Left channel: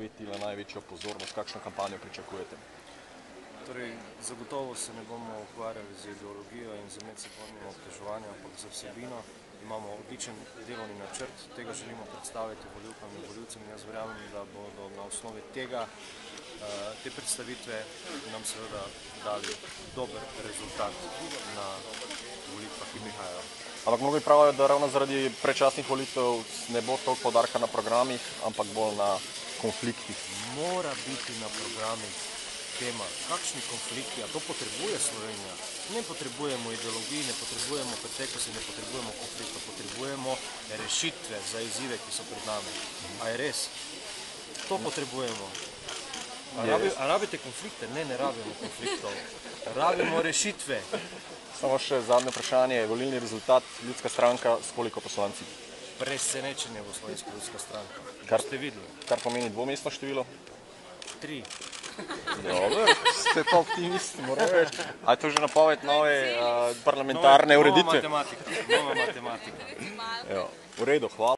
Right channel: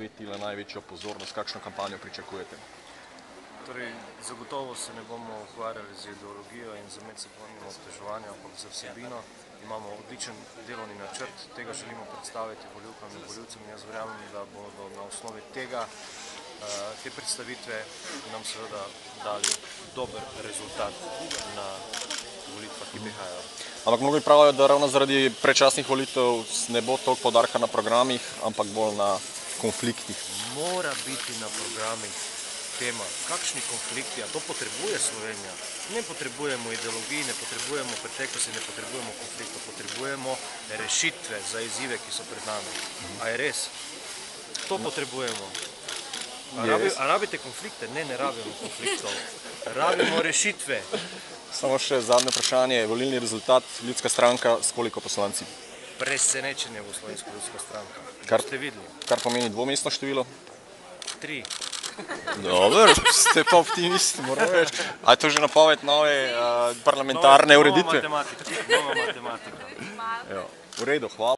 Na največjo pozornost, kakšno kampanjo pričakujete? Torej, zagotovo se ne bomo ukvarjali z ideologijo in z medsebojnim obtoževanjem, ampak z vsebino. Imamo odličen delovni načrt, tega želimo predstaviti volivkam in volivcem. Jaz verjamem, da bodo na osnovi tega, te predstavitve nam seveda dali dober rezultat na volitvah, ki prihajajo. Ampak mnogi pravijo, da ravno zaradi predčasnih volitev ne bo toliko poudarka na programih, ampak bolj na konfliktih. Mora biti na programih tema, kakšni konflikti, a to potrebuje Slovenija. Ne potrebujemo ideologij, ne potrebujemo preteklosti, ne potrebujemo konfliktov, potrebujemo rešitve za izzive, ki so pred nami. A je res? To potrebujemo. A rabite konflikte? Ne, ne rabimo konfliktov. Rabimo rešitve. Samo še zadnje vprašanje, volilni rezultat, Ljudska stranka s koliko poslanci? Presenečenje bo Slovenska ljudska stranka. Ste videli? Kar pomeni dvomestno število? 3. Dobro, ste pa optimisti, moram reči. A je to že napoved nove parlamentarne ureditve? Nova matematika. V redu, hvala.